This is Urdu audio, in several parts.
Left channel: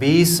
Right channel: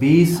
20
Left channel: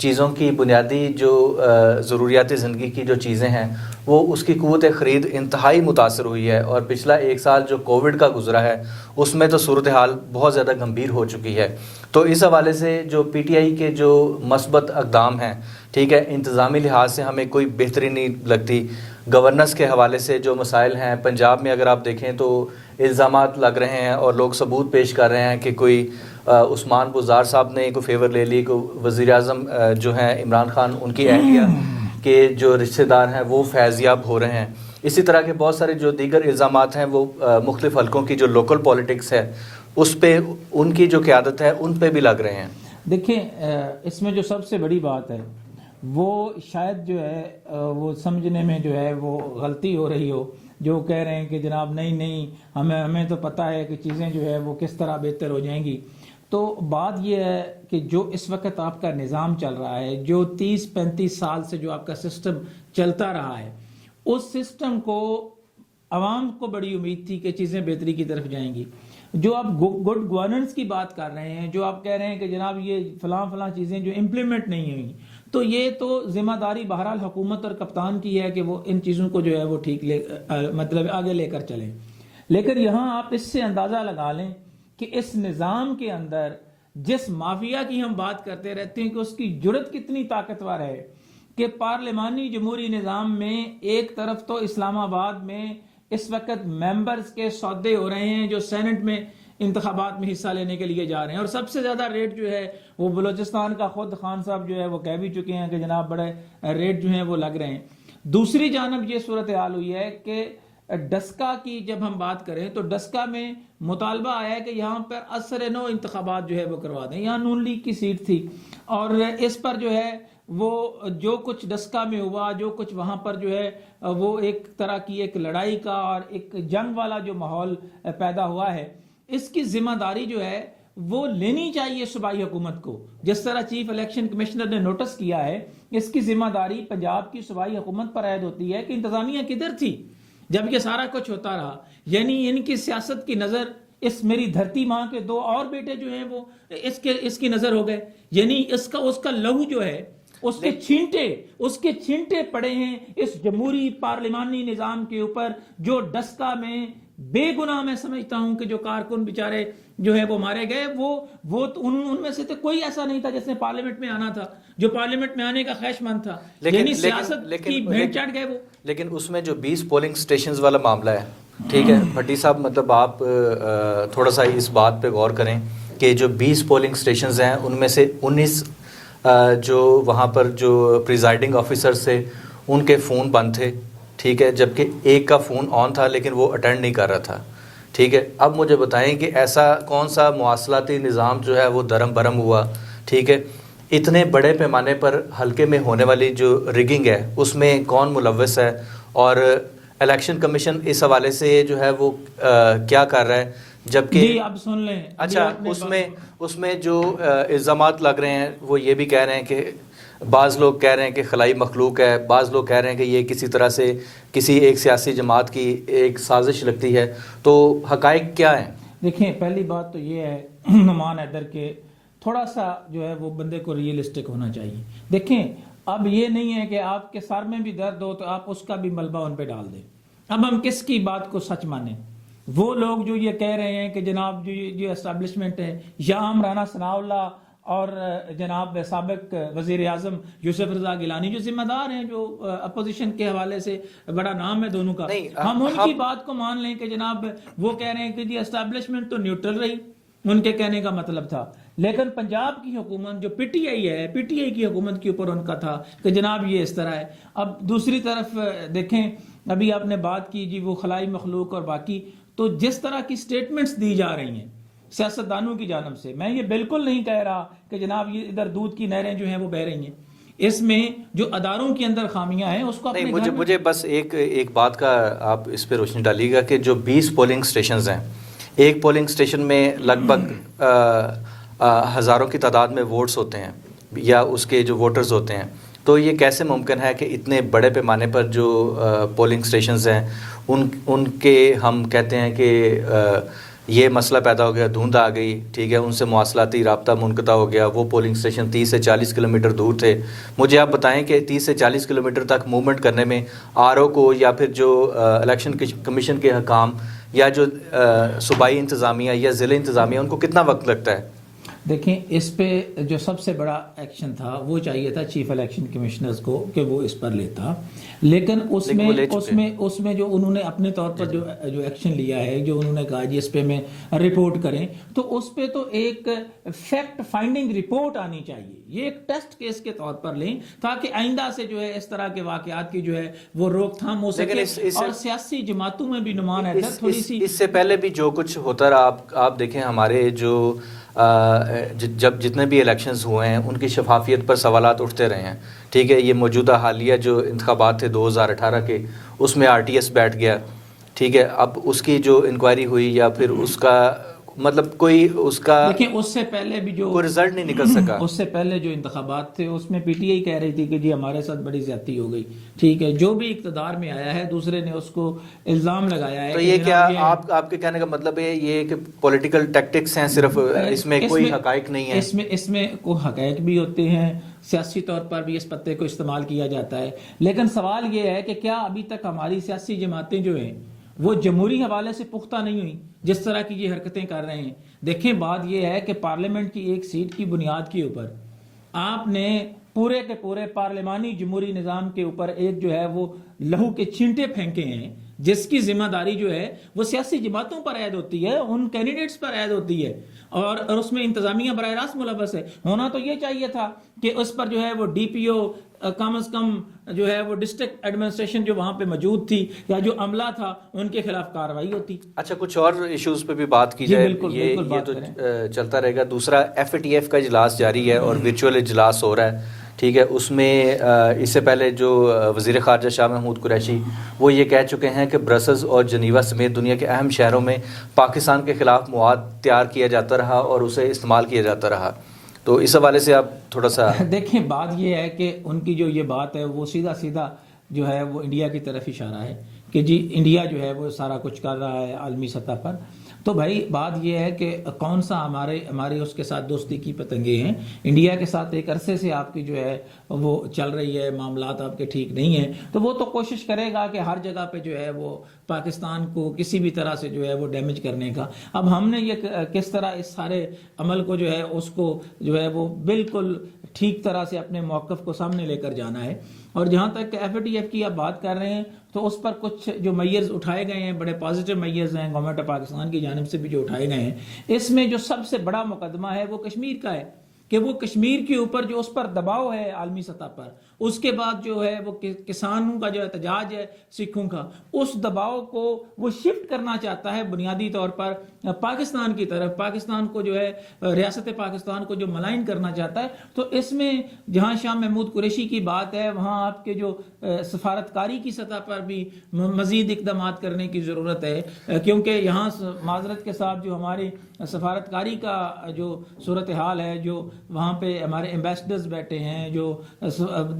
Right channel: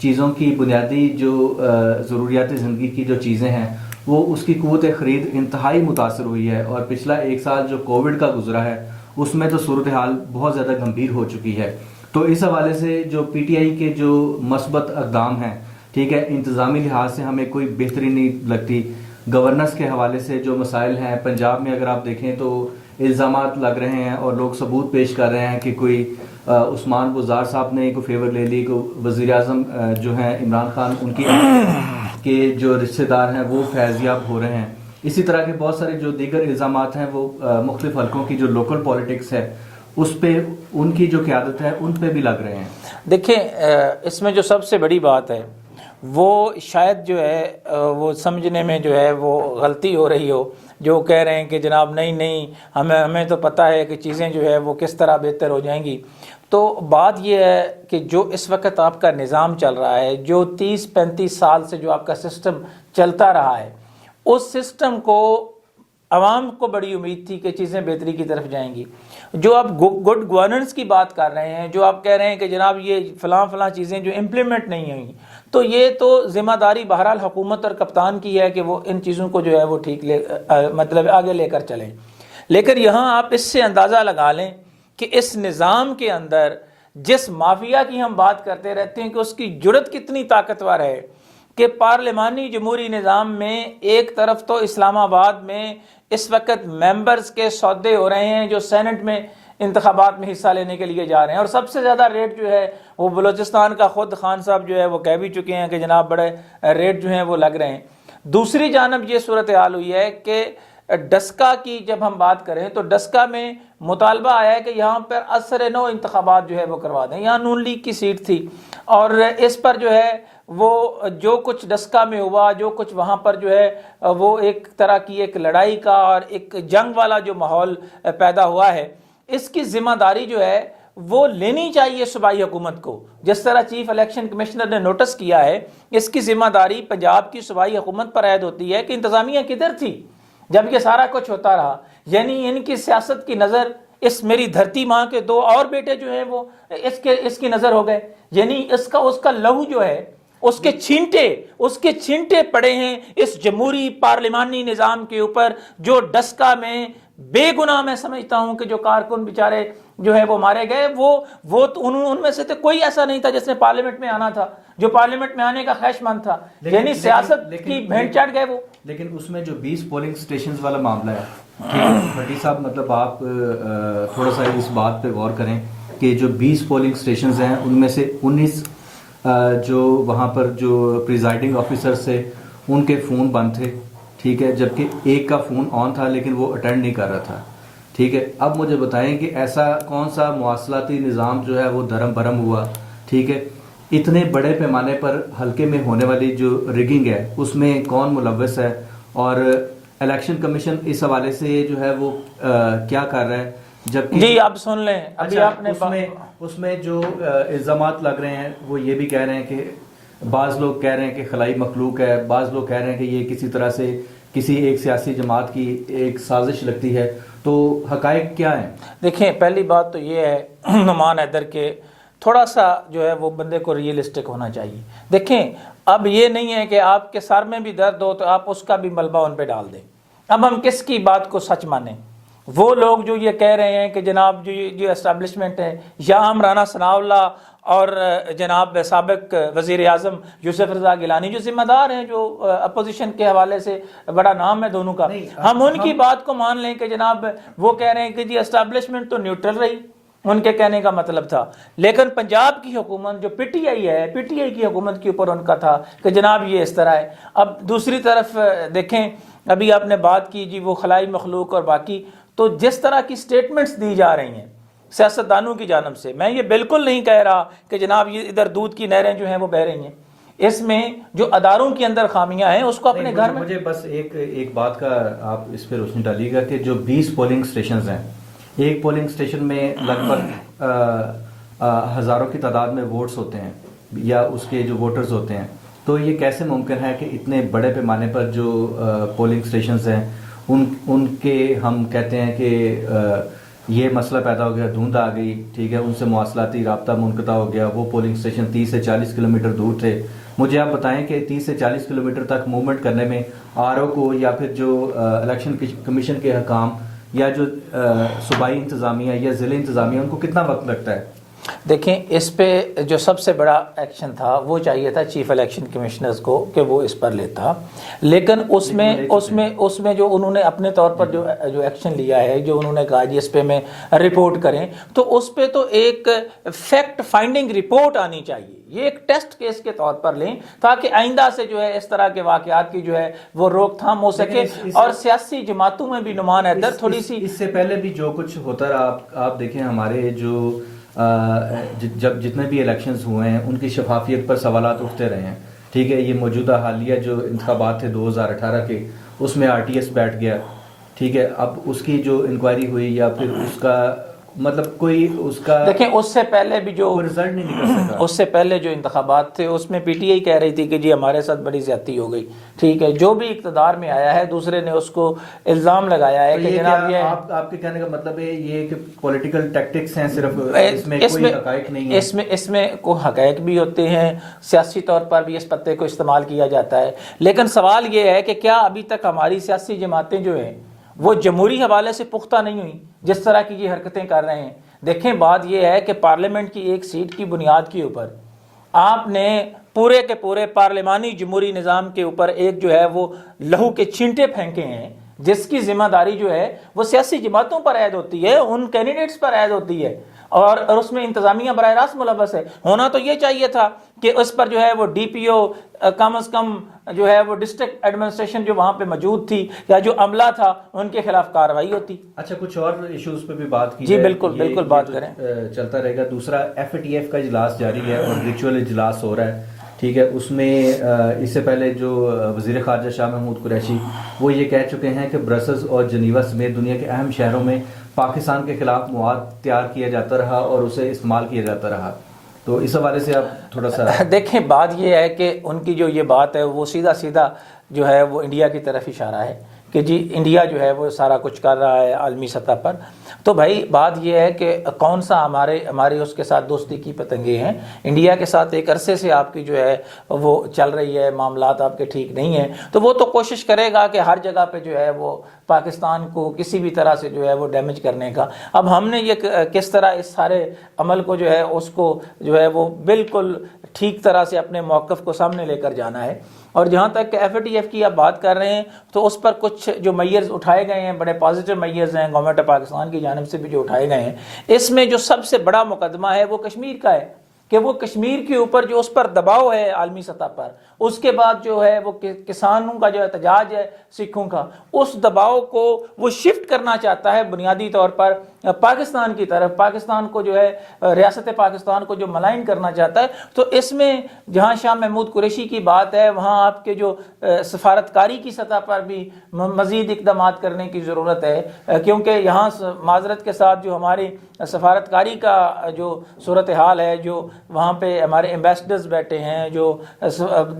چیزوں کی بنیادی جو ضروریات زندگی کی جو چیزیں ہیں وہ اس کی قوت خرید انتہائی متاثر ہوئی ہے، اور پچھلا ایک سال جو کووڈ کا گزرا ہے اس میں تو صورتحال بہت زیادہ گمبھیر ہو چکی ہے۔ تو اس حوالے سے جو پی ٹی آئی کے جو مثبت اقدام ہیں، ٹھیک ہے، انتظامی لحاظ سے ہمیں کوئی بہتری نہیں لگتی۔ گورننس کے حوالے سے جو مسائل ہیں پنجاب میں اگر آپ دیکھیں تو الزامات لگ رہے ہیں اور لوگ ثبوت پیش کر رہے ہیں کہ کوئی عثمان بزدار صاحب نے کوئی فیور لے لی، کو وزیر اعظم جو ہیں عمران خان ان کی اہلیہ کے جو رشتہ دار ہیں وہ فیضیاب ہو رہے ہیں۔ اسی طرح کے بہت سارے جو دیگر الزامات ہیں وہ مختلف حلقوں کی جو لوکل پولیٹکس ہے اس پہ ان کی جو قیادت ہے ان پہ بھی لگ رہے ہیں۔ دیکھیں اس میں جو سب سے بڑی بات ہے وہ شاید جو ہے وہ سمجھنے میں جو ہے وہ غلطی ہو رہی ہو، جو کہہ رہے ہیں کہ جناب نہیں ہمیں تو پتہ ہے کہ چیزیں جو ہے وہ کس طرح بہتر ہو جائیں گی۔ تو بات یہ ہے کہ جو اس وقت آپ کا نظام چل رہا ہے، جو 30-35 سال سے جو آپ کا سسٹم چلتا رہا ہے، اس سسٹم کو عوام کو بڑی امید تھی کہ چیزیں بہتری کی طرف جائیں گی۔ جو آپ گڈ گورننس کی بات کر رہے ہیں، جو آپ کہہ رہے ہیں کہ جناب یہ فلاں چیزیں جو امپلیمنٹ نہیں ہوئیں، تو یہ تو ذمہ داری بہرحال حکومت اور کپتان کی ہے کہ وہ ان چیزوں کو جو ہے وہ ٹھیک مطلب آگے لے کر چلیں۔ لیکن یہاں آپ اس سے اندازہ لگا لیں کہ اس نظام کے اندر جس مافیا کی ہم بات کرتے رہتے ہیں کہ اس کی جرت کتنی طاقتور ہے کہ پارلیمانی جمہوری نظام میں ایک طرف تو اسلام آباد میں اس وقت ممبرز کے سودے ہو رہے ہیں جو سینٹ میں انتخابات میں حصہ لینے کے لیے جا رہے ہیں، اور سب سے زیادہ ریٹ جو ہے وہ بلوچستان کا خود خان صاحب جو ہے وہ کہہ بھی چکے ہیں کہ جناب بڑے ریٹ جو ہیں وہ لگ رہے ہیں۔ دوسری جانب یہ صورتحال ہوئی ہے کہ ڈسکا کی جب ہم بات کریں تو ڈسکا میں مطالبہ آیا ہے کہ یہاں پر اثر نو انتخابات جو ہے وہ کروا دیں۔ یہاں نون لیگ کی سیٹ تھی اور اس پر جو ہے وہ جو کچھ ڈسکا میں ہوا، جو کچھ وہاں پر جو ہے وہ ایک طرح کی ایک لڑائی کا اور ایک جنگ والا جو ماحول پیدا ہوا ہے، اس کی ذمہ داری جو ہے وہ لینی چاہیے صوبائی حکومت کو۔ جس طرح چیف الیکشن کمشنر نے نوٹس کیا ہے، اس کی ذمہ داری پنجاب کی صوبائی حکومت پر عائد ہوتی ہے کہ انتظامیہ کدھر تھی جب یہ سارا کچھ ہوتا رہا۔ یعنی ان کی سیاست کی نظر اس میری دھرتی ماں کے 2 اور بیٹے جو ہیں وہ اس کی نظر ہو گئے، یعنی اس کا لہو جو ہے اس کے چھینٹے پڑے ہیں اس جمہوری پارلیمانی نظام کے اوپر، جو ڈسکا میں بے گناہ میں سمجھتا ہوں کہ جو کارکن بیچارے جو ہے وہ مارے گئے، وہ ان میں سے تو کوئی ایسا نہیں تھا جس نے پارلیمنٹ میں آنا تھا، جو پارلیمنٹ میں آنے کا خواہش مند تھا، یعنی سیاست کی بھینٹ چڑھ گئے وہ۔ لیکن اس میں جو 20 پولنگ سٹیشنز والا معاملہ ہے، ٹھیک ہے بھٹی صاحب، مطلب آپ تھوڑا سا اس بات پہ غور کریں کہ جو 20 پولنگ سٹیشنز ہیں ان میں سے 19 جو وہاں پر جو پریزائڈنگ آفیسر تھے ان کے فون بند تھے، ٹھیک ہے، جبکہ ایک کا فون آن تھا لیکن وہ اٹینڈ نہیں کر رہا تھا، ٹھیک ہے۔ اب مجھے بتائیں کہ ایسا کون سا مواصلاتی نظام جو ہے وہ درم برم ہوا، ٹھیک ہے، اتنے بڑے پیمانے پر حلقے میں ہونے والی جو ریگنگ ہے اس میں کون ملوث ہے، اور الیکشن کمیشن اس حوالے سے جو ہے وہ کیا کر رہا ہے، جبکہ جی آپ سن لیں۔ اچھا اس میں جو الزامات لگ رہے ہیں وہ یہ بھی کہہ رہے ہیں کہ بعض لوگ کہہ رہے ہیں کہ خلائی مخلوق ہے، بعض لوگ کہہ رہے ہیں کہ یہ کسی طرح سے کسی ایک سیاسی جماعت کی ایک سازش لگتی ہے، تو حقائق کیا ہیں؟ دیکھیں پہلی بات تو یہ ہے نعمان حیدر کے تھوڑا سا جو ہے وہ بندے کو ریئلسٹک ہونا چاہیے۔ دیکھیں اب یہ نہیں ہے کہ آپ کے سر میں بھی درد ہو تو آپ اس کا بھی ملبہ ان پہ ڈال دیں۔ اب ہم کس کی بات کو سچ مانیں؟ وہ لوگ جو یہ کہہ رہے ہیں کہ جناب جو اسٹیبلشمنٹ ہے، یا ہم رانا ثناء اللہ اور جناب سابق وزیر اعظم یوسف رضا گیلانی جو ذمہ دار ہیں، جو اپوزیشن کے حوالے سے بڑا نام ہے دونوں کا، ہم ان کی بات کو مان لیں کہ جناب وہ کہہ رہے ہیں کہ جی اسٹیبلشمنٹ تو نیوٹرل رہی، ان کے کہنے کا مطلب تھا، لیکن پنجاب کی حکومت جو پی ٹی آئی ہے، پی ٹی آئی کی حکومت کے اوپر ان کا تھا کہ جناب یہ اس طرح ہے۔ اب دوسری طرف دیکھیں ابھی آپ نے بات کی جی وہ خلائی مخلوق اور باقی، تو جس طرح کی سٹیٹمنٹس دی جا رہی ہیں سیاستدانوں کی جانب سے، میں یہ بالکل نہیں کہہ رہا کہ جناب یہ ادھر دودھ کی نہریں جو ہیں وہ بہہ رہی ہیں، اس میں جو اداروں کے اندر خامیاں ہیں اس کو اپنے گھر میں۔ مجھے بس ایک بات کا آپ اس پہ روشنی ڈالیے گا کہ جو 20 پولنگ سٹیشنز ہیں، ایک پولنگ سٹیشن میں لگ بھگ ہزاروں کی تعداد میں ووٹس ہوتے ہیں یا اس کے جو ووٹرز ہوتے ہیں، تو یہ کیسے ممکن ہے کہ اتنے بڑے پیمانے پر جو پولنگ سٹیشنز ہیں ان کے ہم کہتے ہیں کہ یہ مسئلہ پیدا ہو گیا، دھند آ گئی، ٹھیک ہے، ان سے مواصلاتی رابطہ منقطع ہو گیا، وہ پولنگ اسٹیشن 30 سے 40 کلومیٹر دور تھے. مجھے آپ بتائیں کہ 30 سے 40 کلومیٹر تک موومنٹ کرنے میں آر او کو یا پھر جو الیکشن کمیشن کے حکام یا جو صوبائی انتظامیہ یا ضلع انتظامیہ ان کو کتنا وقت لگتا ہے؟ دیکھیں اس پہ جو سب سے بڑا ایکشن تھا وہ چاہیے تھا چیف الیکشن کمشنرز کو کہ وہ اس پر لیتا، لیکن اس میں جو انہوں نے اپنے طور پر جو ایکشن لیا ہے، جو انہوں نے کہا جی اس پہ میں رپورٹ کریں، تو اس پہ تو ایک فیکٹ فائنڈنگ رپورٹ آنی چاہیے. یہ ایک ٹیسٹ کیس کے طور پر لیں تاکہ آئندہ سے جو ہے اس طرح کے واقعات کی جو ہے وہ روک تھام ہو سکے. اور سیاسی جماعتوں میں بھی نمان حیدر تھوڑی سی اس سے پہلے بھی جو کچھ ہوتا رہا، آپ دیکھیں ہمارے جو جب جتنے بھی الیکشنز ہوئے ہیں ان کی شفافیت پر سوالات اٹھتے رہے ہیں. ٹھیک ہے، یہ موجودہ حالیہ جو انتخابات تھے 2018 کے، اس میں آر ٹی ایس بیٹھ گیا. ٹھیک ہے، اب اس کی جو انکوائری ہوئی یا پھر اس کا مطلب کوئی اس کا دیکھیں اس سے پہلے بھی جو رزلٹ نہیں نکل سکا. اس سے پہلے جو انتخابات تھے اس میں پی ٹی آئی کہہ رہی تھی کہ جی ہمارے ساتھ بڑی زیادتی ہو گئی. ٹھیک ہے، جو بھی اقتدار میں آیا ہے دوسرے نے اس کو الزام لگایا ہے کہ جناب یہ آپ کے کہنے کا مطلب ہے یہ کہ پولیٹیکل ٹیکٹکس ہیں صرف، اس میں کوئی حقائق نہیں ہے. اس میں کوئی حقائق بھی ہوتے ہیں، سیاسی طور پر بھی اس پتے کو استعمال کیا جاتا ہے. لیکن سوال یہ ہے کہ کیا ابھی تک ہماری سیاسی جماعتیں جو ہیں وہ جمہوری حوالے سے پختہ نہیں ہوئی جس طرح کی یہ حرکتیں کر رہے ہیں؟ دیکھیں بات یہ ہے کہ پارلیمنٹ کی ایک سیٹ کی بنیاد کے اوپر آپ نے پورے کے پورے پارلیمانی جمہوری نظام کے اوپر ایک جو ہے وہ لہو کے چھینٹے پھینکے ہیں، جس کی ذمہ داری جو ہے وہ سیاسی جماعتوں پر عائد ہوتی ہے، ان کینڈیڈیٹس پر عائد ہوتی ہے، اور اس میں انتظامیہ براہ راست ملوث ہے. ہونا تو یہ چاہیے تھا کہ اس پر جو ہے وہ ڈی پی او کم از کم جو ہے وہ ڈسٹرکٹ ایڈمنسٹریشن جو وہاں پہ موجود تھی یا جو عملہ تھا ان کے خلاف کارروائی ہوتی. اچھا، کچھ اور ایشوز پہ بھی بات کی جائے. جی بالکل بات کریں. چلتا رہے گا. دوسرا ایف اے ٹی ایف کا اجلاس جاری ہے اور ورچوئل اجلاس ہو رہا ہے. ٹھیک ہے، اس میں اس سے پہلے جو وزیر خارجہ شاہ محمود قریشی وہ یہ کہہ چکے ہیں کہ برسلز اور جنیوا سمیت دنیا کے اہم شہروں میں پاکستان کے خلاف مواد تیار کیا جاتا رہا اور اسے استعمال کیا جاتا رہا. تو اس حوالے سے آپ تھوڑا سا دیکھیں. بات یہ ہے کہ ان کی جو یہ بات ہے وہ سیدھا جو ہے وہ انڈیا کی طرف اشارہ ہے کہ جی انڈیا جو ہے وہ سارا کچھ کر رہا ہے عالمی سطح پر. تو بھائی بات یہ ہے کہ کون سا ہمارے اس کے ساتھ دوستی کی پتنگیں ہیں. انڈیا کے ساتھ ایک عرصے سے آپ کی جو ہے وہ چل رہی ہے، معاملات آپ کے ٹھیک نہیں ہیں، تو وہ تو کوشش کرے گا کہ ہر جگہ پہ جو ہے وہ پاکستان کو کسی بھی طرح سے جو ہے وہ ڈیمیج کرنے کا. اب ہم نے یہ کس طرح اس سارے عمل کو جو ہے اس کو جو ہے وہ بالکل ٹھیک طرح سے اپنے موقف کو سامنے لے کر جانا ہے. اور جہاں تک ایف اے ٹی ایف کی آپ بات کر رہے ہیں تو اس پر کچھ جو میئرز اٹھائے گئے ہیں بڑے پازیٹیو میئرز ہیں گورنمنٹ پاکستان کی جانب سے بھی جو اٹھائے گئے ہیں. اس میں جو سب سے بڑا مقدمہ ہے وہ کشمیر کا ہے کہ وہ کشمیر کے اوپر جو اس پر دباؤ ہے عالمی سطح پر، اس کے بعد جو ہے وہ کسانوں کا جو احتجاج ہے سکھوں کا، اس دباؤ کو وہ شفٹ کرنا چاہتا ہے بنیادی طور پر پاکستان کی طرف، پاکستان کو جو ہے ریاست پاکستان کو جو ملائن کرنا چاہتا ہے. تو اس میں جہاں شاہ محمود قریشی کی بات ہے وہاں آپ کے جو سفارتکاری کی سطح پر بھی مزید اقدامات کرنے کی ضرورت ہے، کیونکہ یہاں معذرت کے ساتھ جو ہماری سفارتکاری کا جو صورتحال ہے، جو وہاں پہ ہمارے ایمبیسڈرز بیٹھے ہیں، جو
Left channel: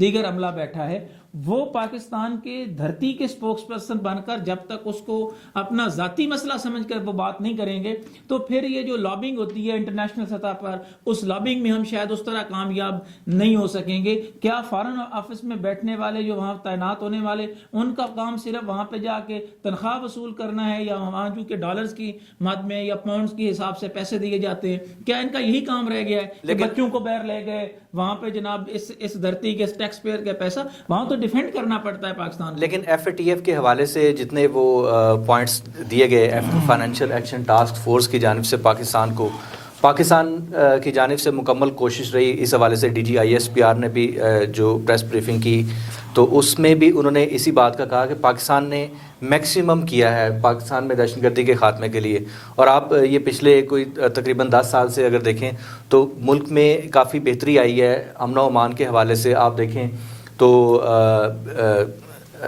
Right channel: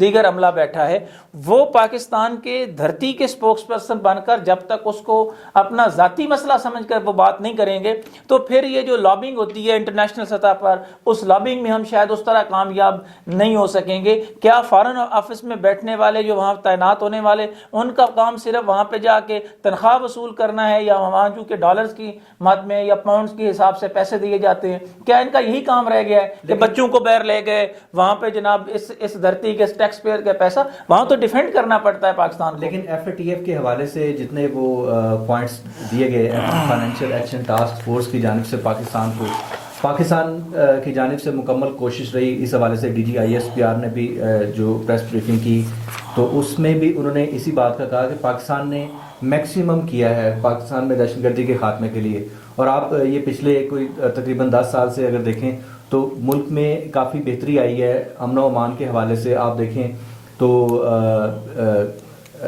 دیگر عملہ بیٹھا ہے، وہ پاکستان کے دھرتی کے سپوکس پرسن بن کر جب تک اس کو اپنا ذاتی مسئلہ سمجھ کر وہ بات نہیں کریں گے تو پھر یہ جو لابنگ ہوتی ہے انٹرنیشنل سطح پر، اس لابنگ میں ہم شاید اس طرح کامیاب نہیں ہو سکیں گے. کیا فارن آفس میں بیٹھنے والے جو وہاں تعینات ہونے والے ان کا کام صرف وہاں پہ جا کے تنخواہ وصول کرنا ہے، یا وہاں جو کہ ڈالرز کی مد میں یا پاؤنڈز کے حساب سے پیسے دیے جاتے ہیں؟ کیا ان کا یہی کام رہ گیا ہے کہ بچوں کو باہر لے گئے وہاں پہ جناب اس دھرتی کے ٹیکس پیئر کا پیسہ وہاں تو ڈیفینڈ کرنا پڑتا ہے پاکستان کو. لیکن ایف اے ٹی ایف کے حوالے سے جتنے وہ پوائنٹس دیے گئے فائنینشیل ایکشن ٹاسک فورس کی جانب سے پاکستان کی جانب سے مکمل کوشش رہی. اس حوالے سے D G I S P R نے بھی جو پریس بریفنگ کی تو اس میں بھی انہوں نے اسی بات کا کہا کہ پاکستان نے میکسیمم کیا ہے پاکستان میں دہشت گردی کے خاتمے کے لیے. اور آپ یہ پچھلے کوئی تقریباً 10 سال سے اگر دیکھیں تو ملک میں کافی بہتری آئی ہے. امن و امان کے حوالے سے آپ دیکھیں تو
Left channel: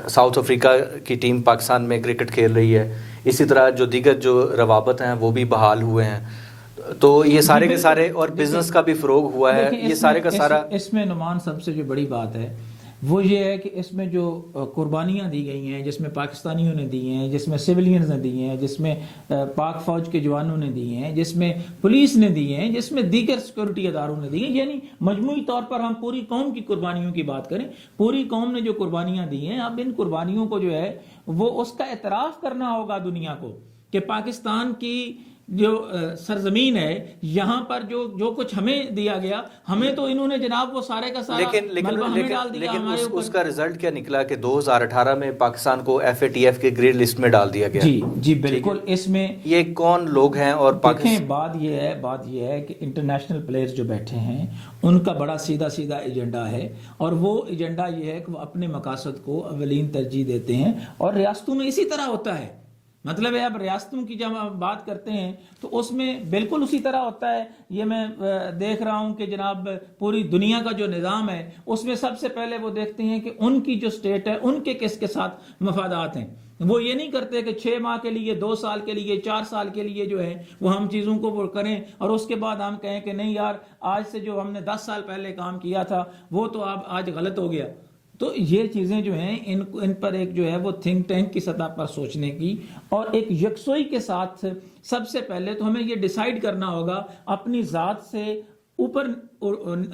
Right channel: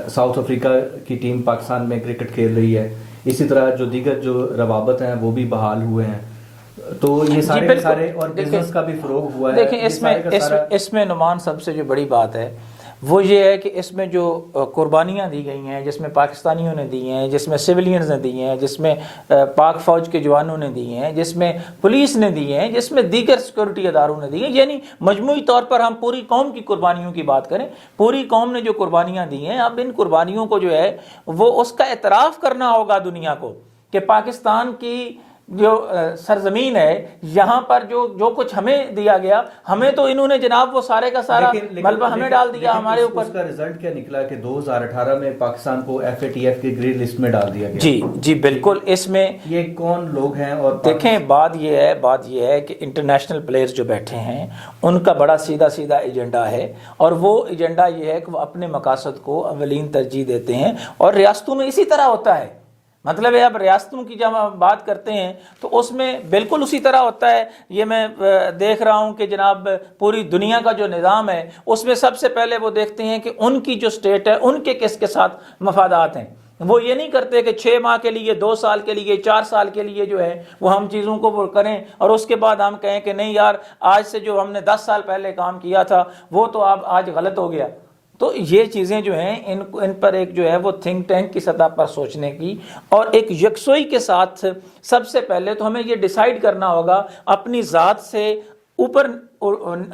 ساؤتھ افریقہ کی ٹیم پاکستان میں کرکٹ کھیل رہی ہے. اسی طرح جو دیگر جو روابط ہیں وہ بھی بحال ہوئے ہیں. تو یہ سارے کے سارے اور بزنس کا بھی فروغ ہوا ہے. اس میں نعمان سب سے جو بڑی بات ہے وہ یہ ہے کہ اس میں جو قربانیاں دی گئی ہیں، جس میں پاکستانیوں نے دی ہیں، جس میں سویلینز نے دی ہیں، جس میں پاک فوج کے جوانوں نے دی ہیں، جس میں پولیس نے دی ہیں، جس میں دیگر سیکورٹی اداروں نے دی ہیں، یعنی مجموعی طور پر ہم پوری قوم کی قربانیوں کی بات کریں، پوری قوم نے جو قربانیاں دی ہیں، اب ان قربانیوں کو جو ہے وہ اس کا اعتراف کرنا ہوگا دنیا کو کہ پاکستان کی جو سرزمین ہے، یہاں پر جو کچھ ہمیں دیا گیا، ہمیں تو انہوں نے جناب وہ سارے کا سارا ملبہ ہمیں ڈال دیا ہمارے اوپر۔ اس کا رزلٹ کیا نکلا کہ 2018 میں پاکستان کو FATF کے گرے لسٹ میں ڈال دیا گیا۔ جی بالکل۔ اس میں یہ کون لوگ ہیں؟ اور دیکھیں بات یہ ہے کہ انٹرنیشنل پلیئرز جو بیٹھے ہیں ان کا بڑا سیدھا ایجنڈا ہے، اور وہ ایجنڈا یہ ہے کہ وہ اپنے مقاصد کو اولین ترجیح دیتے ہیں، اور ریاستوں میں اسی طرح ہوتا ہے۔ مطلب ہے اب ریاستوں کی جب ہم بات کرتے ہیں تو اس میں بالکل اسی طرح ہوتا ہے۔ یہ میں دیکھ رہا ہوں کہ جناب پوری دنیا کا جو نظام ہے اس میں سب سے پہلے وہ دیکھتے ہیں کہ ان کی جو سٹیٹ ہے ان کے کس کے ساتھ مفادات ہیں۔ وہ یہ نہیں کرتے کہ 6 ماہ کے لیے، 2 سال کے لیے، 4 سال کے لیے جو ہے وہ ہم چیزوں کو وہ کریں اور اس کے بعد ہم کہیں کہ نہیں یار آج سے جو ہم نے 10 سال پہلے کام کیا تھا وہ تو اب آج غلط ہو گیا۔ تو یہ چیزیں جو ہیں ان پر ایک جو ہے وہ تھنک ٹینک کی سطح پر سوچنے کی اور ایک یکسوئی کے ساتھ سب سے پہلے تو ہمیں یہ ڈیسائیڈ کرنا ہوگا اپنی ذات سے اوپر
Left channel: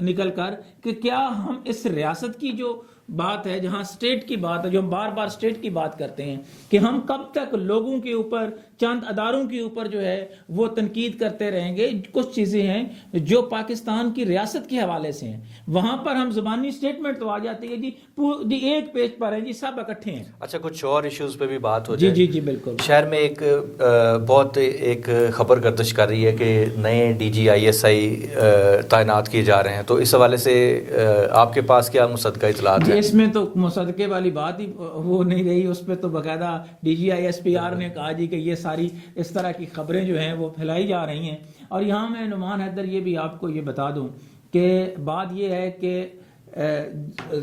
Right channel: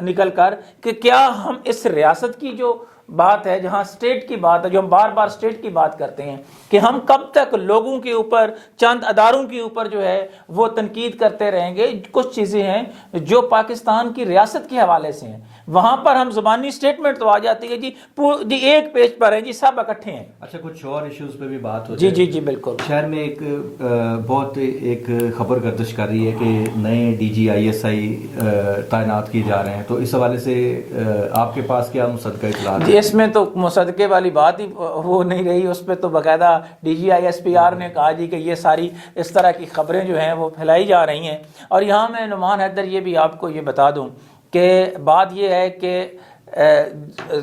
نکل کر کہ کیا ہم اس ریاست کی جو بات ہے، جہاں سٹیٹ کی بات ہے، جو ہم بار بار سٹیٹ کی بات کرتے ہیں، کہ ہم کب تک لوگوں کے اوپر، چند اداروں کے اوپر جو ہے وہ تنقید کرتے رہیں گے۔ کچھ چیزیں ہیں جو پاکستان کی ریاست کے حوالے سے ہیں، وہاں پر ہم زبانی سٹیٹمنٹ تو آ جاتی ہے جی ایک پیج پر ہیں جی سب اکٹھے ہیں۔ اچھا کچھ اور ایشوز پہ بھی بات ہو جائے۔ جی بالکل۔ شہر میں بہت ایک خبر گردش کر رہی ہے کہ نئے DG ISI تعینات کیے جا رہے ہیں، تو اس حوالے سے آپ کے پاس کیا مصدقہ اطلاعات؟ اس میں تو مصدقے والی بات ہی ہو نہیں رہی، اس پہ تو باقاعدہ DG ISPR نے کہا جی کہ یہ ساری اس طرح کی خبریں جو ہیں وہ پھیلائی جا رہی ہیں۔ اور یہاں میں نعمان حیدر یہ بھی آپ کو یہ بتا دوں کہ بات یہ ہے کہ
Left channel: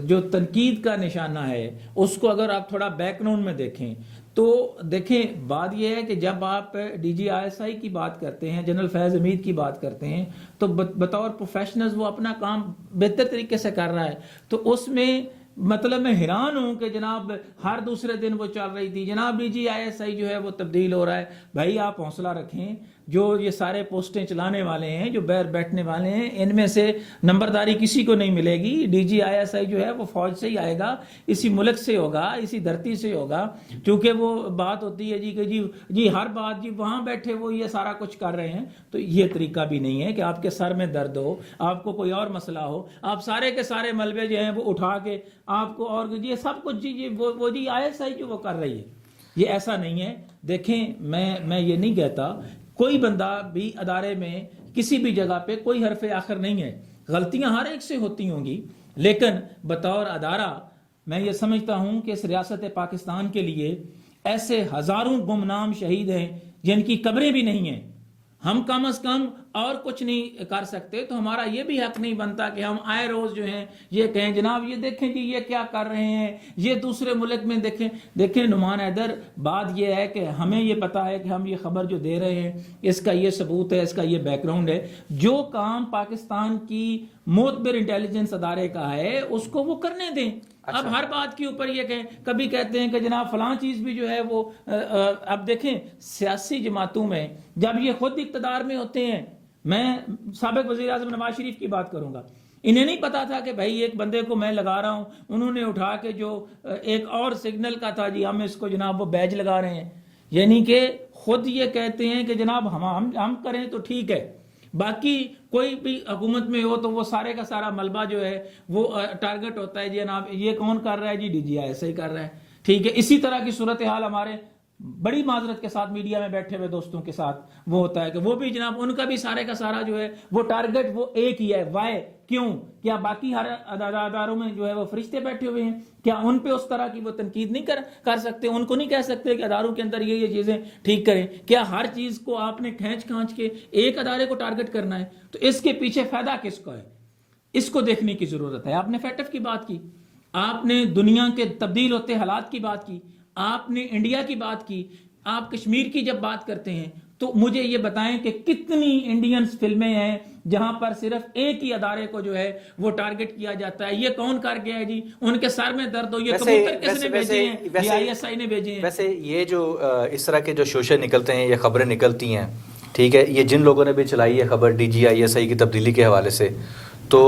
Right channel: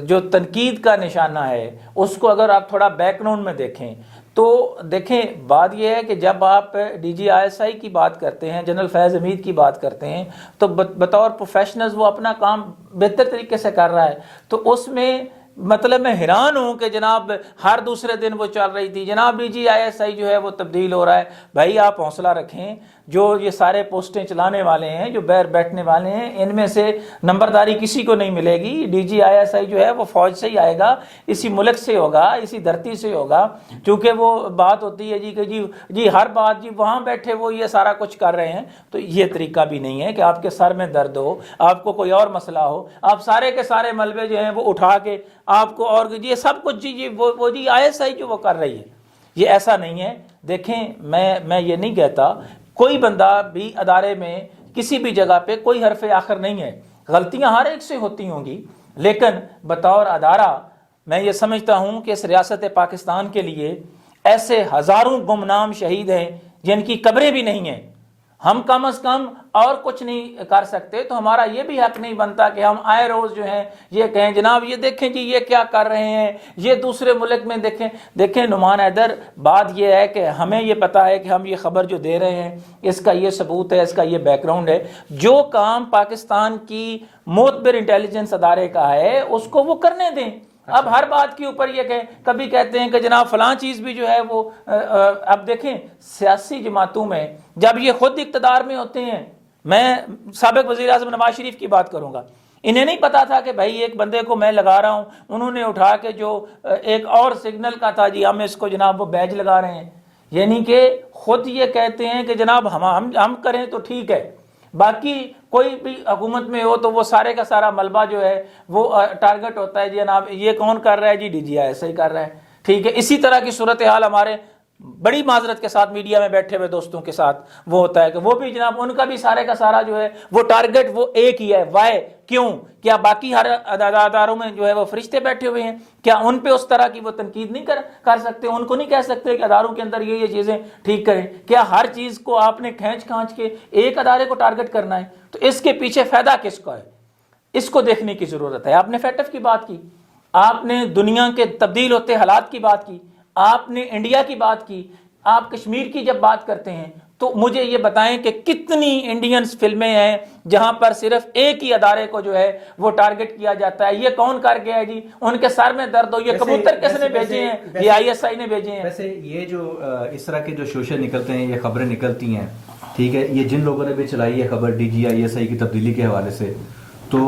جو تنقید کا نشانہ ہے اس کو اگر آپ تھوڑا بیک گراؤنڈ میں دیکھیں تو دیکھیں بات یہ ہے کہ جب آپ DG ISI کی بات کرتے ہیں، جنرل فیض حمید کی بات کرتے ہیں، تو بطور پروفیشنلز وہ اپنا کام بہتر طریقے سے کر رہا ہے۔ تو اس میں مطلب میں حیران ہوں کہ جناب ہر دوسرے دن وہ چل رہی تھی جناب DG ISI جو ہے وہ تبدیل ہو رہا ہے۔ بھائی آپ حوصلہ رکھیں، جو یہ سارے پوسٹیں چلانے والے ہیں، جو بیٹھنے والے ہیں، ان میں سے نمبرداری کسی کو نہیں ملے گی۔ DG ISI جو ہے وہ فوج سے ہی آئے گا، اسی ملک سے ہوگا، اسی دھرتی سے ہوگا، کیونکہ وہ بات ہوتی ہے جی کہ جی ہر بات جی وہاں بیٹھے وہ یہ سارا کچھ کر رہے ہیں۔ تو یہ طریقہ بھی نہیں ہے کہ آپ کے سر میں درد ہو، آپ کو کوئی اور مسئلہ ہو، آپ سارے کے سارے ملبے جو ہیں وہ اٹھا کے آپ کو اور یہ سب کچھ جی وہ جی ISI جو وہ کر رہی ہے، یہ ایسا نہیں ہے۔ دیکھیں میں یہ نہیں کہتا، کوئی بندہ بھی ادارے میں کسی بھی جگہ پہ کوئی حرف آخر نہیں ہے، غلطیاں ہر ایک سے ہوتی ہوں گی، لیکن بطور ادارہ میں یہ سمجھتا ہوں کہ اس ریاست پاکستان کے لیے ایسے ہزاروں گمنام شہید ہیں جن کی قبریں بھی نہیں ہیں۔ ہم کم از کم اور کچھ نہیں کر سکتے تو ہمارا یہ بھی حق نہیں بنتا کہ ہم آئے روز جو ہیں یہ کہیں جناب یہ دیکھیں جی یہ کیا کر رہے ہیں، یہ دوسرے ملک میں دیکھیں نعمان حیدر، بات یہ ہے کہ ہمیں یہ پتا ہے کہ ہم یہ خبر جو دے رہے ہیں اس کا یہ ثبوت ہے، اس کا یہ بیک گراؤنڈ ہے۔ جو کام پاکستان کی معتبر انٹیلیجنس ادارے کا ہے اس کو وہ کرنے دیں۔ اب ہر بات کے اوپر یہ کہیں، کبھی کہتے ہیں کہ جناب فلاں چیز بھی جو ہے وہ اب دیکھیں سیاسی جماعتوں میں جب یہ خود اقتدار میں ہوتے ہیں، میں سابق وزیر اعظم نواز شریف کی بات کروں گا، انہیں نہیں پتا تھا کہ بھائی ایک بندے کو میں لگا رہا ہوں، انہوں نے اٹھا کے جو ایک اور سگنل کا تھا جی ہم اس کو جناب وہ بیج لگا رہے ہیں، یعنی کہ خود یہ کہتے ہیں کہ جناب ہم کریں تو ٹھیک ہے، باقی کوئی بھی حکومت میں ہو تو وہ سارے کا سارا ملبہ جو ہے وہ ٹارگٹ ہوتا ہے جی جناب یہ کون کر رہا ہے جی DG ISI کر رہا ہے، ٹھیک ہے۔ اسی طرح کی صورتحال ہمارے بڑی معذرت کے ساتھ میڈیا میں بیٹھے ہوئے دوستوں کے ساتھ وہ ہوتا ہے کہ وہ بھی جناب ان کا بھی سارے کا سارا جو ہے وہ ٹارگٹ وہ ایک ہی ہے، وائے کیوں؟ کیا باقی ہر اداروں میں جو ہے وہ فرشتے بیٹھے ہوئے ہیں؟ کیا ان پہ اس طرح کی وہ تنقید نہیں کر سکتے؟ ان کو نہیں کہہ سکتے کہ اداروں کے اندر یہ چیزیں ٹھیک کریں؟ کیا ہر چیز کو آپ نے کھینچ کے ایک ادارے کو ٹارگٹ کرنا ہے؟ تو اس کے پیچھے فائدہ کس کا ہے؟ اس کو دیکھنے کی ضرورت ہے۔ آپ نے FATF کی بات کی، آپ نے دنیا کے تبدیل ہوتے حالات کی بات کی، آپ نے انڈیا کی بات کی، آپ کشمیر کی جب بات کرتے ہیں تو مجھے یہ بتائیں کہ کتنی انڈینس فلمیں ہیں جہاں پر صرف ایک ہی ادارے کو جو ہے وہ ٹارگٹ کیا جاتا ہے. یہ کون کر گیا ہے جی؟ ان کے سر میں درد ہو. یہ کبوتر کس نے بھیجے ہیں؟ یہ ISI نے بھیجے ہیں. ویسے یہ جو اس طرح کے جو شوشے نکلتے ہیں، یہ خبریں نکلتی ہیں، ٹھیک ہے، یہ جن لوگوں نے بھی چلائی ہے خبر DG ISI کی تبدیلی کے حوالے سے، تو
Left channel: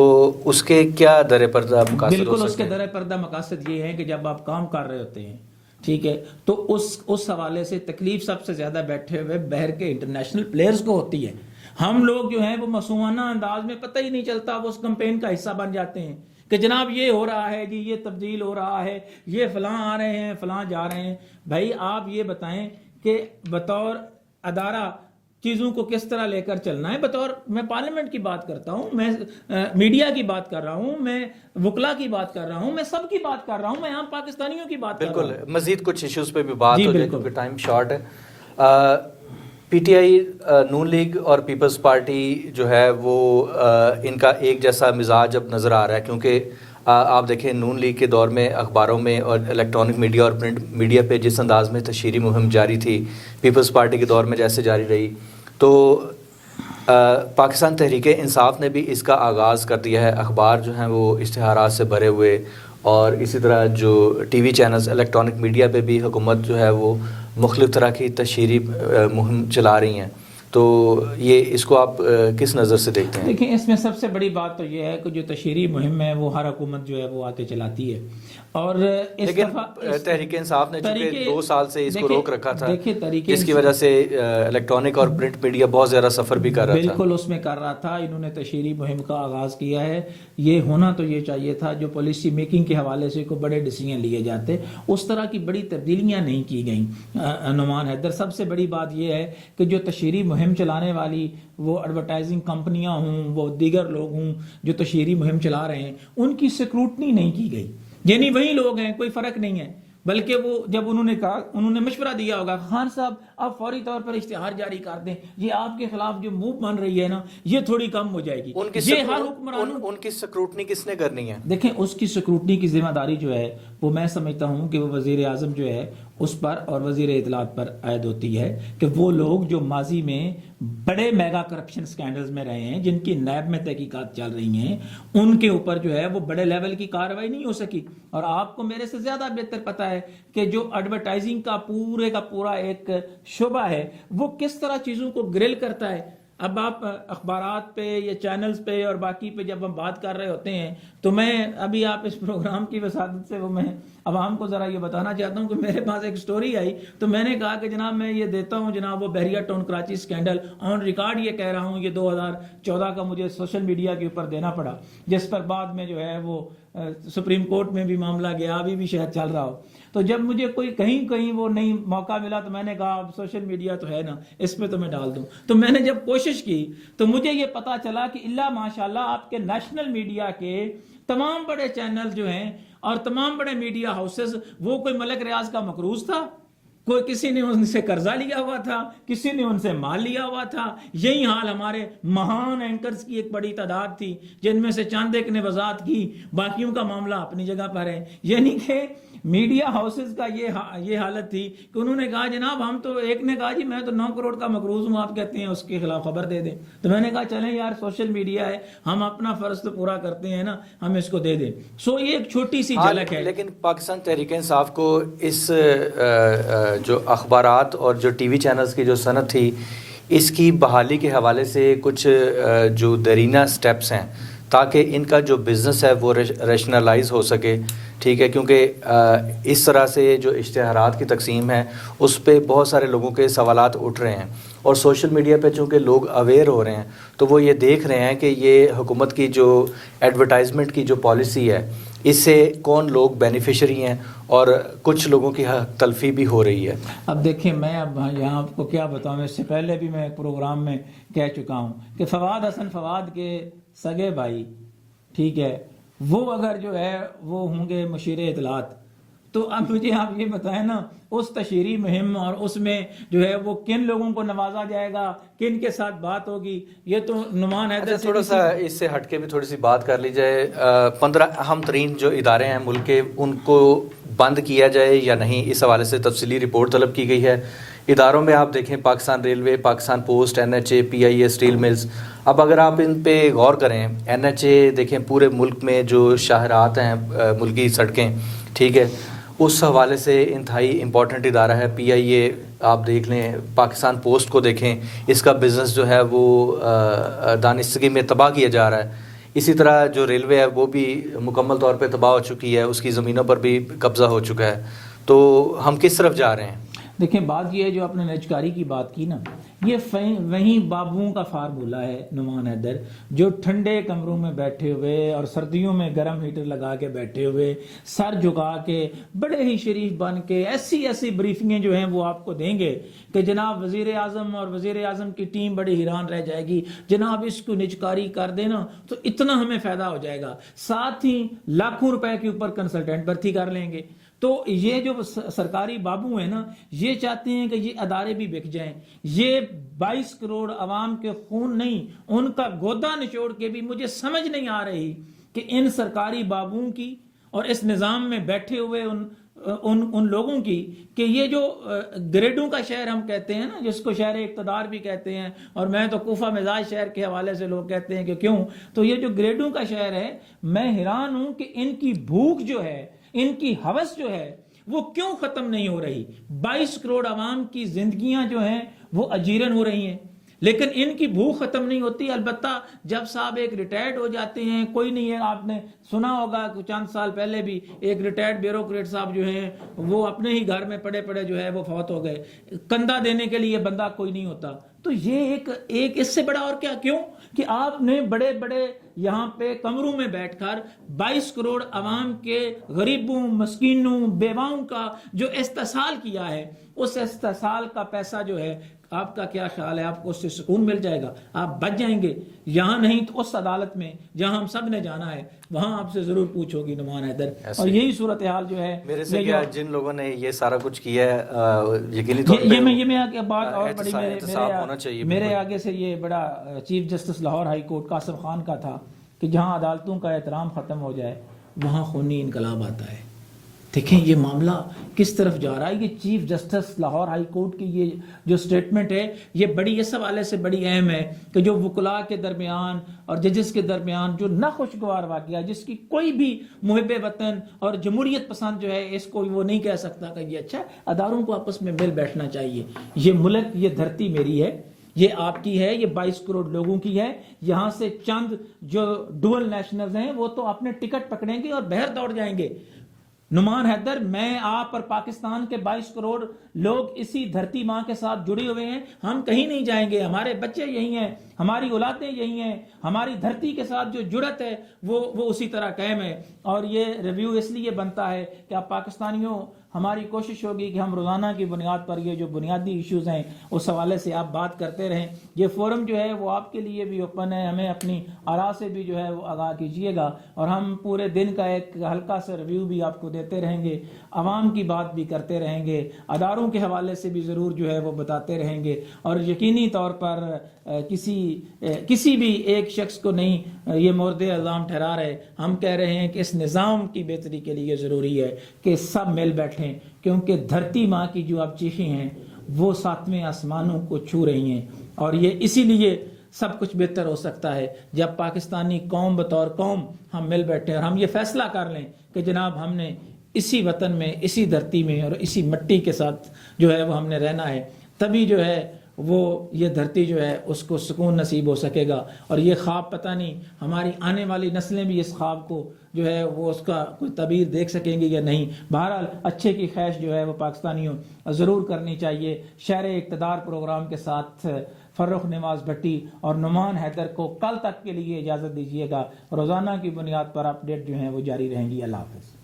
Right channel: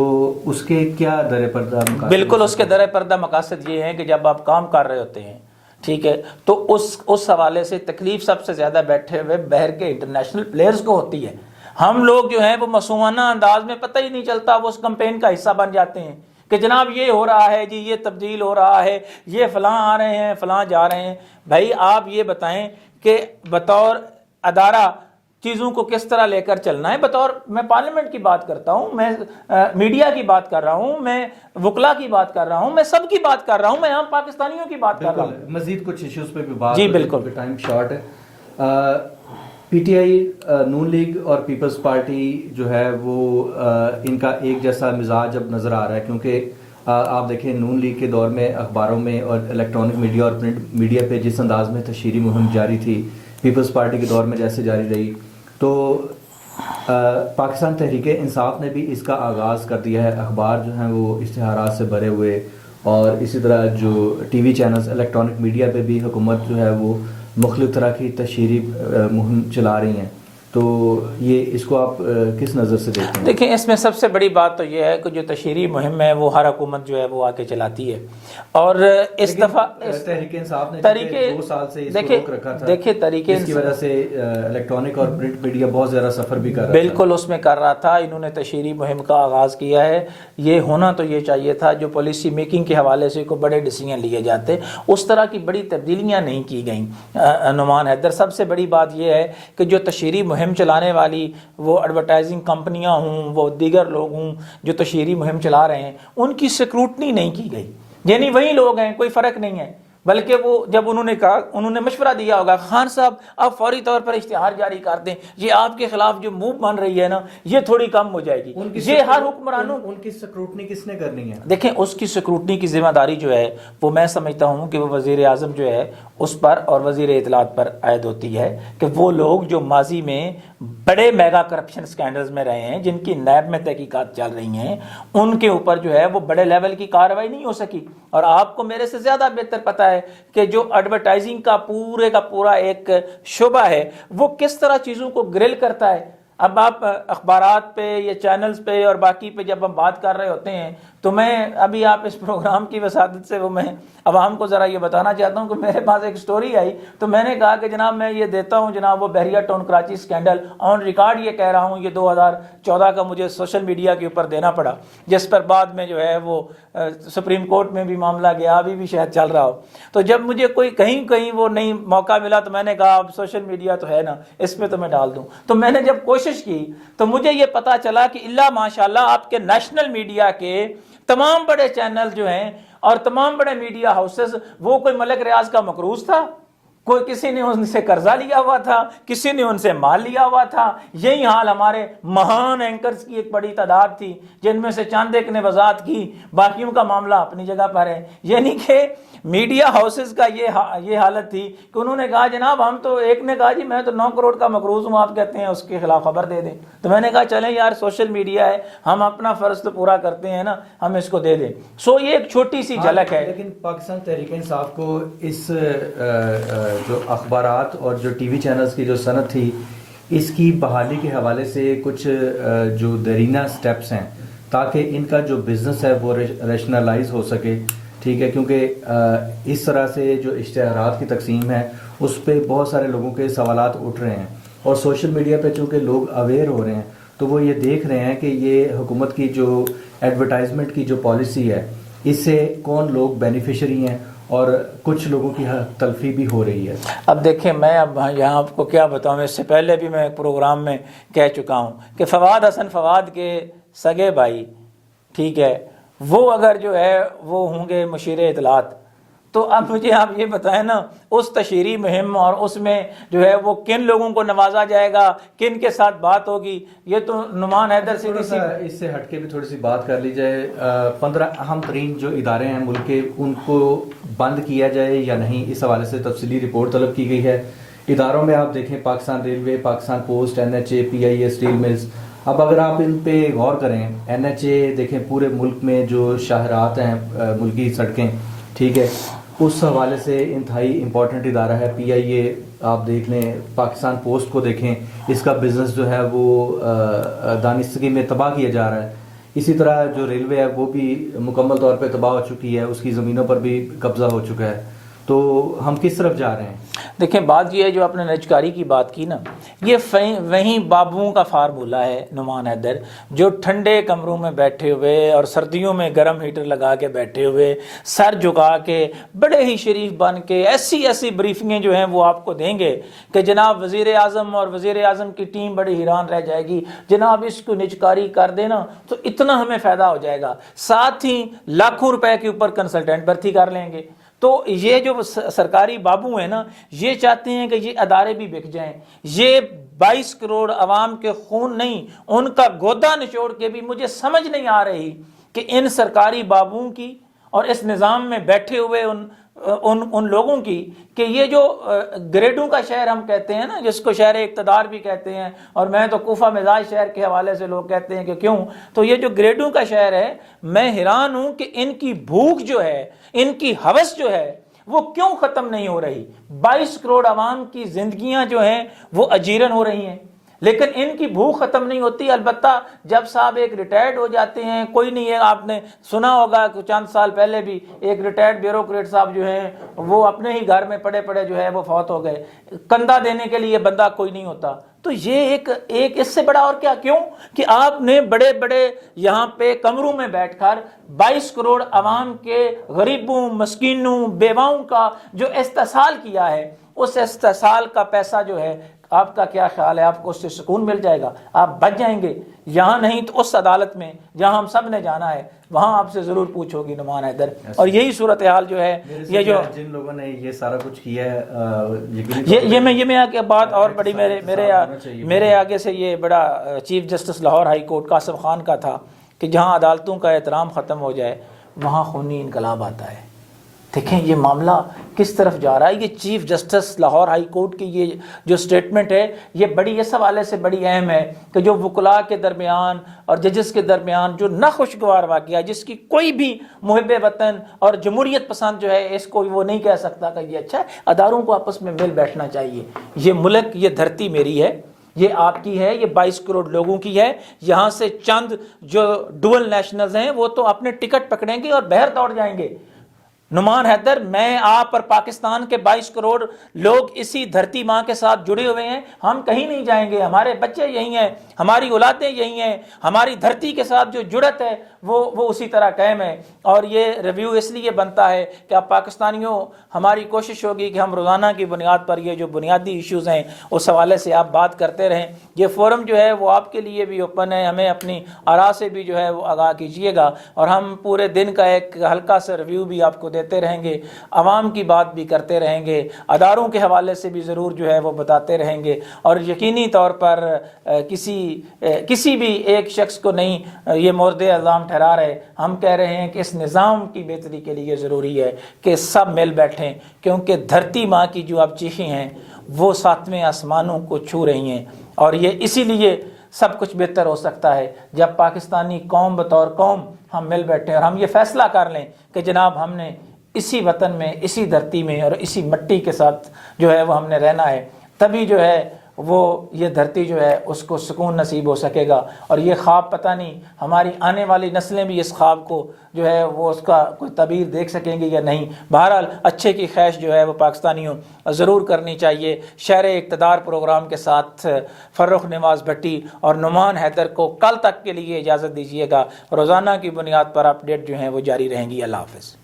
اس کے کیا در پردہ مقاصد؟ بالکل اس کے در پردہ مقاصد یہ ہیں کہ جب آپ کام کر رہے ہوتے ہیں، ٹھیک ہے، تو اس حوالے سے تکلیف سب سے زیادہ بیٹھے ہوئے باہر کے انٹرنیشنل پلیئرز کو ہوتی ہے. ہم لوگ جو ہیں وہ معصومانہ انداز میں پتہ ہی نہیں چلتا، وہ اس کمپین کا حصہ بن جاتے ہیں کہ جناب یہ ہو رہا ہے جی، یہ تبدیل ہو رہا ہے، یہ فلاں آ رہے ہیں، فلاں جا رہے ہیں. بھائی آپ یہ بتائیں کہ بطور ادارہ چیزوں کو کس طرح لے کر چلنا ہے. بطور میں پارلیمنٹ کی بات کرتا ہوں، میں میڈیا کی بات کر رہا ہوں، میں وکلا کی بات کر رہا ہوں، میں سب کی بات کر رہا ہوں، میں عام پاکستانیوں کی بات کر رہا ہوں. مزید کچھ ایشوز پہ بھی بات جی بالکل، ٹائم شارٹ ہے. PTI نون لیگ اور پیپلز پارٹی جو ہے وہ ان کا ایک جیسا مزاج اب نظر آ رہا ہے، کیونکہ آپ دیکھیں نون لیگ کے دور میں اخباروں میں اور الیکٹرانک میڈیا اور پرنٹ میڈیا پہ جس انداز میں تشہیری مہم جاری تھی، پیپلز پارٹی کے دور میں جیسے جاری رہی، تو پاکستان تحریک انصاف نے بھی اس کا آغاز کر دیا ہے. اخبار جو ہیں وہ اشتہارات سے بھرے ہوئے، اور اسی طرح جو TV چینلز الیکٹرانک میڈیا پہ بھی حکومت جو ہے وہ مختلف طرح کی تشہیری مہم چلا رہی ہیں. تو یہ اس کو آپ کس نظر سے دیکھتے ہیں؟ دیکھیں اس میں سب سے بڑی بات تو یہ ہے کہ جو تشہیری مہم ہے وہ ہر حکومت جو ہے وہ آ کے چلاتی ہے، اور اس دفعہ تحریک انصاف نے 2 سال سے اس کو روک رکھا تھا. دیکھیں طریقے اس کی وجہ سے الیکٹرانک اور پرنٹ میڈیا بہت زیادہ سفر بھی کر رہا تھا. بالکل اس میں کر رہا تھا. انہوں نے تشہیری مہم کا آغاز کیا ہے. یہ ہونا تو یہ چاہیے تھا، جو پالیسی میکنگ کے حوالے سے کوئی بڑے ڈیسیجن لیے جاتے، اس طرح کی بڑی تبدیلیاں نہیں کی گئیں. نعمان حیدر، سب سے بڑی بات یہ ہے کہ جو تشہیری مہم چلانے والی وہ ایڈورٹائزنگ کمپنیاں ہوں، وہ دیگر لوگ ہوں جو تشہیری مہم چلا رہے ہیں، ان کی سکروٹنی نہیں کی گئی. یعنی وہی لوگ ہیں، کوئی فرق نہیں ہے، بلکہ وہ جب انہوں نے کہا، انہوں نے مشورہ دیا ہوگا خان صاحب آپ فوری طور پر اشتہار جاری کر دیں، یہ آپ کے خلاف جو موو بن رہی ہے نا یہ تھوڑی کم ہو جائے گی. یہ ہر حکمرانوں ان کی سکروٹنی کس نے کرنی ہے؟ دیکھیں اس کی سکروٹنی کی ذمہ داری جو ہے وہ میں سمجھتا ہوں کہ وہ وزیر اعظم جو ہے اس پر اور وزیر اطلاعات پر عائد ہوتی ہے کہ وہ لوگ جو ماضی میں بڑے میگا کرپشن سکینڈلز میں رہے ہیں، جن کی نیب میں تحقیقات چل رہی ہیں، ان کے اوپر جو ہے وہ بڑے لیول کی کارروائی نہیں ہو سکی. اور آپ کو میرے سے زیادہ بہتر پتہ ہے کہ جو ایڈورٹائزنگ کا پورا ایک شعبہ ہے وہ کس طرح چیزوں کو گرل کرتا ہے. اب آپ اخبارات پہ یا چینلز پہ اور باقی پہ جب ہم بات کر رہے ہوتے ہیں تو میں ابھی آپ اس پروگرام کی وسادت سے وہ میں عوام کو ذرا یہ بتانا چاہتا ہوں کہ میرے پاس ایک سٹوری آئی تو میں نے کہا کہ جناب میں یہ دیتا ہوں جناب وہ بحریہ town Karachi scandal on record یہ کہہ رہا ہوں، یہ 2014 کا مجھے سوشل میڈیا کے اوپر دینا پڑا، جس پر بعد میں جو ہے وہ سپریم کورٹ میں بھی معاملہ گیا، ابھی بھی شاید چل رہا ہو. تو جب مجھے کوئی کہیں وہ نہیں موقع ملا تو میں نے کہا اب سوشل میڈیا تو ہے نا، اس میں تو میں ڈال دوں. تو میں نے جب کوشش کی تو مجھے یہ پتا چلا کہ اللہ ماشاءاللہ آپ کے نیشنل میڈیا کے تمام بڑے چینل جو ہیں اور تمام بڑے میڈیا ہاؤسز، وہ کوئی ملک ریاض کا مقروض تھا، کوئی کسی نے ان سے قرضہ لیا ہوا تھا، کسی نے ان سے مال لیا ہوا تھا. یہی حال ہمارے مہان اینکرز کی ایک بڑی تعداد تھی جن میں سے چند ایک نے وضاحت کی، باقیوں کا معاملہ اپنی جگہ پر ہے. یعنی کہ میڈیا ہاؤسز کا یہ حالت تھی کہ انہوں نے کہا جناب ہم تو، ایک نے کہا جی میں تو 9 کروڑ کا مقروض ہوں، آپ کہتے ہیں اس کے خلاف خبر دے دیں. تو میں نے کہا چلیں یار سوشل میڈیا ہے، ہم اپنا فرض تو پورا کرتے ہیں نا، ہم اس کو دے دیں. سو یہ ایک چھوٹی سی جھلک ہے. لیکن پاکستان تحریک انصاف کو اس جو اخبارات اور جو TV چینلز کی جو صنعت تھی اس کی بحالی کے حوالے سے کچھ جو دیرینہ سٹیپس ہیں تاکہ ان کا جو بزنس ہے وہ ریشنلائز ہو سکے، ٹھیک ہے، کیونکہ اس طرح سے جو اشتہارات کی تقسیم ہے اس پہ بہت سارے لوگوں کے سوالات اٹھ رہے ہیں، اور سوشل میڈیا پہ چونکہ لوگ اویئر ہو رہے ہیں تو وہ یہ دیکھ رہے ہیں کہ یہ حکومت کی جو ایڈورٹائزمنٹ کی جو پالیسی ہے اس سے کون لوگ بینیفیشری ہیں اور کچھ لوگوں کی حق تلفی بھی ہو رہی ہے. اب دیکھیں میں اب یہاں آپ کو کیا بتاؤں، اس سے پہلے بھی میں پروگرام میں کہہ چکا ہوں کہ فواد حسن فواد کے سگے بھائی، ٹھیک ہے، وہ اگر جو ہے وہ ہوں گے مشیر اطلاعات، تو اب مجھے آپ یہ بتائیں نا اس تشہیری مہم اور اس میں جو ہے وہ کن لوگوں کو نوازا جائے گا، کن کے ساتھ بات ہوگی. یہ تو نعمان حیدر تھوڑا سا اس سے ہٹ کے بھی تھوڑی سی بات کر لی جائے. 15 اہم ترین جو ادارے ہیں ملک کے ان کو بند کیا جائے یا نہیں، اس حوالے سے تفصیلی رپورٹ طلب کی گئی ہے۔ اداروں میں آپ دیکھیں Pakistan railway, Pakistan post, NHA، PIA، steel mills, اب اگر آپ ان پہ غور کریں، NHA دیکھیں پورے ملک میں جو شاہراہات ہیں، ملکی سڑکیں، ٹھیک ہے، اس حوالے سے انتہائی امپورٹنٹ ادارہ ہے۔ PIA آپ دیکھ لیں، پاکستان پوسٹ کو دیکھیں، اس کا بزنس جو ہے وہ دانشگی میں تباہ کیا جا رہا ہے۔ اسی طرح جو ریلوے ہے وہ بھی مکمل طور پہ تباہ ہو چکی ہے، اس کی زمینوں پر بھی قبضہ ہو چکا ہے۔ تو ہم کس طرف جا رہے ہیں؟ دیکھیں بات یہ ہے، جو آپ نے نجکاری کی بات کی نا، یہ وہیں بابوؤں کا فارمولہ ہے نعمان حیدر، جو ٹھنڈے کمروں میں بیٹھے ہوئے اور سردیوں میں گرم ہیٹر لگا کے بیٹھے ہوئے، سر جھکا کے بڑے ہی شریف بن کے ایسی بریفنگیں جو ہیں وہ آپ کو دیں گے کہ جناب وزیر اعظم اور وزیر اعظم کی ٹیم بڑی حیران رہ جائے گی، جناب اس کو نجکاری کر دینا تو اتنا ہمیں فائدہ ہو جائے گا، ساتھ ہی لاکھوں روپے کے اوپر کنسلٹنٹ بھرتی کر لیں گے۔ تو یہ جو سرکاری بابو ہیں نا، یہ چاہتے ہیں کہ یہ ادارے بھی بک جائیں، یہ 22 کروڑ عوام کے خون نہیں، ان کا گودا نچوڑ کے بھی مجھے سمجھ نہیں آ رہی کہ ان سرکاری بابوؤں کی اور اس نظام میں بیٹھے ہوئے ان لوگوں کی، کہ یہ جو گریڈوں کا شہر ہم کہتے ہیں نا، جس کو شہر اقتدار بھی کہتے ہیں، اور میں تو کوفہ مزاج شہر کے حوالے سے لوگ کہتے ہیں کہ کیوں، تو یہ جو گریڈوں کا شہر ہے، میں حیران ہوں کہ ان کی بھوک جو ہے، ان کی ہوس جو ہے، وہ کیوں ختم نہیں ہو رہی۔ 22 کروڑ عوام کی زندگیاں جو ہیں وہ اجیرن ہو رہی ہیں، لیکن ان کی بھوک ختم نہیں ہوتی۔ البتہ جب صاحب ایک ریٹائرڈ ہو جاتے ہیں، کوئی نہیں ہے، آپ نے سنا ہوگا کہ چند سال پہلے بھی ایک ریٹائرڈ بیوروکریٹ صاحب جو ہیں وہ اپنے ہی گھر میں پڑے جو ہے وہ فوت ہو گئے، کندھا دینے کے لیے بندہ کوئی نہیں ہوتا۔ تو یہ ایک اس سے بڑا اور کیا، کیوں کہ آپ نے بڑے یہاں پہ کمروں میں بیٹھ کر 22 کروڑ عوام کے غریبوں، مسکینوں، بیواؤں کا جو استحصال کیا ہے، اس استحصال کا پیسہ جو ہے، آپ کا کیا خیال ہے، آپ کو اس سے سکون مل جائے گا؟ آپ بچ جائیں گے؟ یہاں نہیں تو اس عدالت میں جہاں ہم سب نے جانا ہے، وہاں آپ سے ضرور پوچھو گی نعمان حیدر۔ اور یہی صورتحال جو ہے، یہ جو جن لوگوں نے یہ سارا کچھ کیا ہے، یہ میں آگے بات اور بڑی میرے آگے سے یہ بڑا chief justice Lahore high court Qasim Khan کا تھا کہ جہاں عدالتوں کا احترام ختم ہو جائے وہاں خونی انقلاب آتا ہے۔ دیکھیں یہ معاملہ کس طرف جا رہا ہے۔ یہ chief justice Lahore high court کی یہ جو سٹیٹمنٹ ہے، یہ بڑی اس حوالے سے بڑی اہم ہے کہ جو وکلاء کے درمیان اور ججز کے درمیان جو ناخوشگوار واقعہ، جس کی کوئی بھی محب وطن اور جمہوریت پسند جو ہے اس کو وہ نہیں کہہ سکتا کہ یہ اچھا ہے، اداروں کو آپس میں مل بیٹھنا چاہیے۔ یہ ملک، یہ دھرتی میری ہے، یہ آپ کی ہے، یہ 22 کروڑ لوگوں کی ہے۔ یہاں سے چند جو ڈوئل نیشنلز ہیں وہ تو اپنے ٹکٹ پکڑیں گے اور باہر دوڑ جائیں گے۔ نعمان حیدر، میں آپ اور پاکستان کے 22 کروڑ لوگ اسی دھرتی ماں کے ساتھ جڑے ہوئے ہیں، ہم کہیں نہیں جائیں گے، ہمارے بچے یہی ہیں، ہماری اولادیں یہی ہیں، ہماری دھرتی کے ساتھ جو جڑت ہے وہ اسی طرح قائم ہے۔ اور یہ ریویو اس لیے بنتا ہے کہ اب پاکستانیوں، ہماری کوشش ہوگی کہ ہم روزانہ کی بنیاد پر یہ جو بنیادی ایشوز ہیں اس حوالے سے آپ بات کرتے رہیں۔ یہ فورم جو ہے وہ آپ کے لیے بھی اوپن ہے، ہمیں اپنی آراء سے بھی جو ہے وہ آگاہ کیجیے گا، اور ہم پورے دن کا ایک ہلکا سا ریویو بھی آپ کو دیتے رہیں گے، عوام کی بات بھی کرتے رہیں گے، اداروں کے حوالے سے بھی ضرور جو ہے وہ بتاتے رہیں گے، اور یقینی طور پر کسی بھی ایک شخص کو نہیں یہ مورد الزام ٹھہرا رہے، ہم کہہ رہے ہیں کہ اس نظام کی بہتری کے لیے ضروری ہے کہ سب مل بیٹھیں، کیونکہ دھرتی ماں کی جو اب چیخیں ہیں وہ ساتویں آسمانوں کو چھو رہی ہیں، اور یہ اسی لیے سب کچھ بہتر ہو سکتا ہے جب پاکستانی قوم بطور قوم ہم مل بیٹھیں اور ہم یہ فیصلہ کر لیں کہ جناب ہم نے اسی وطن میں، اسی دھرتی میں اور اسی مٹی کے ساتھ جو ہے وہ ہم نے رہنا ہے، تبھی جو ہے وہ یہ دھرتی جو ہے اس کو سکون نصیب ہو سکے گا۔ اور یہ خواب پتہ نہیں ہماری آنے والی نسلیں بھی اس خواب کو جو ہے وہ اس کا کوئی تعبیر دیکھ سکیں گی یا نہیں۔ بہرحال اچھے کی خواہش جو ہے وہ پاکستانیوں ضرور کرنی چاہیے۔ شہر اقتدار پروگرام کے ساتھ فرخ نواز بھٹی اور نعمان حیدر کو کل تک کے لیے اجازت دیجیے گا، روزانہ کی بنیاد پر اپڈیٹ جو ہیں وہ جاری رہیں گی۔ اللہ حافظ۔